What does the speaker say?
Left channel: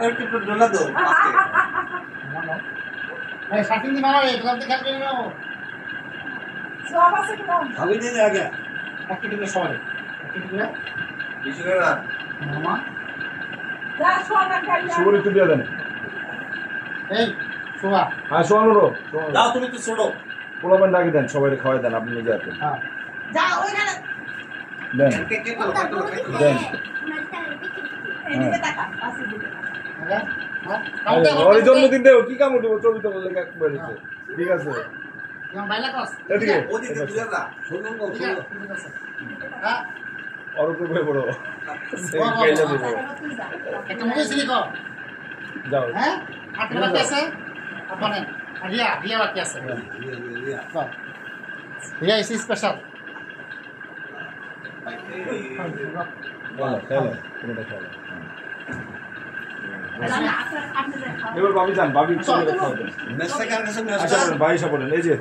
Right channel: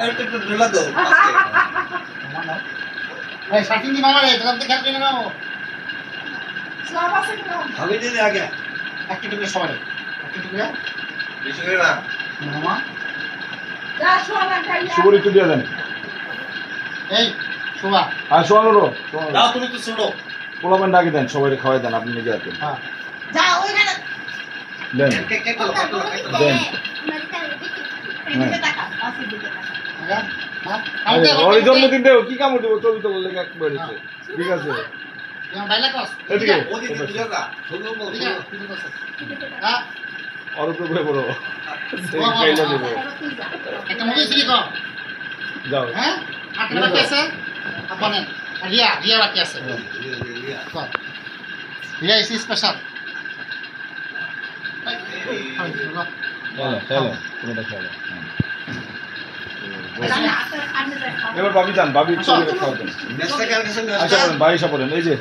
একটু ঢোলা দাও আজকে এই শাটিং দি মামা রে তোরা তো খেলবি না সব আছে না ভাবি দিন আগে একটু করে সবাই একটু করে বেশি করে না মামা যা সোনা খাইয়া শুভর একটু দিয়ে দেন। এই শোভা আর শোনানো যাও তুমি তো ছোট পোলাপান ডাকি দেন, সবাই খাওয়াই দেন, আপনি নিজে আসবেন হ্যাঁ যা ওইখানে দেন কেক কেক করো কেক করো দেন। এদিকে তাকা আসি দিকে তাকা আগা হ্যাঁ ওই জন্মদিনটা কি কাম উঠবো, ছবি তো বললে এক বেড়েছে। ঠিক আছে ইয়া বাইলা কস এদিকে ওদিকে দুজনা শুনুন না ঠিক আছে হ্যাঁ আর তো ভয় বড় বাহ, বাহ, খাইলে বাহ। দেবো। তুই যা একটা মুভি সিলি কর যাও হ্যাঁ আটটা বাকি আছে আপনে রিয়া রিয়া বাকি আছে কর রিয়া ইস স্পেশাল খেলো কোনটা খেলো। আপনি যা খাও এবার ভাবি যান, ভাবি আসো। খাওয়া দেন। মেসটা কার কিছু আচ্ছা বলেন, ভাই এসে বলেন, এই যে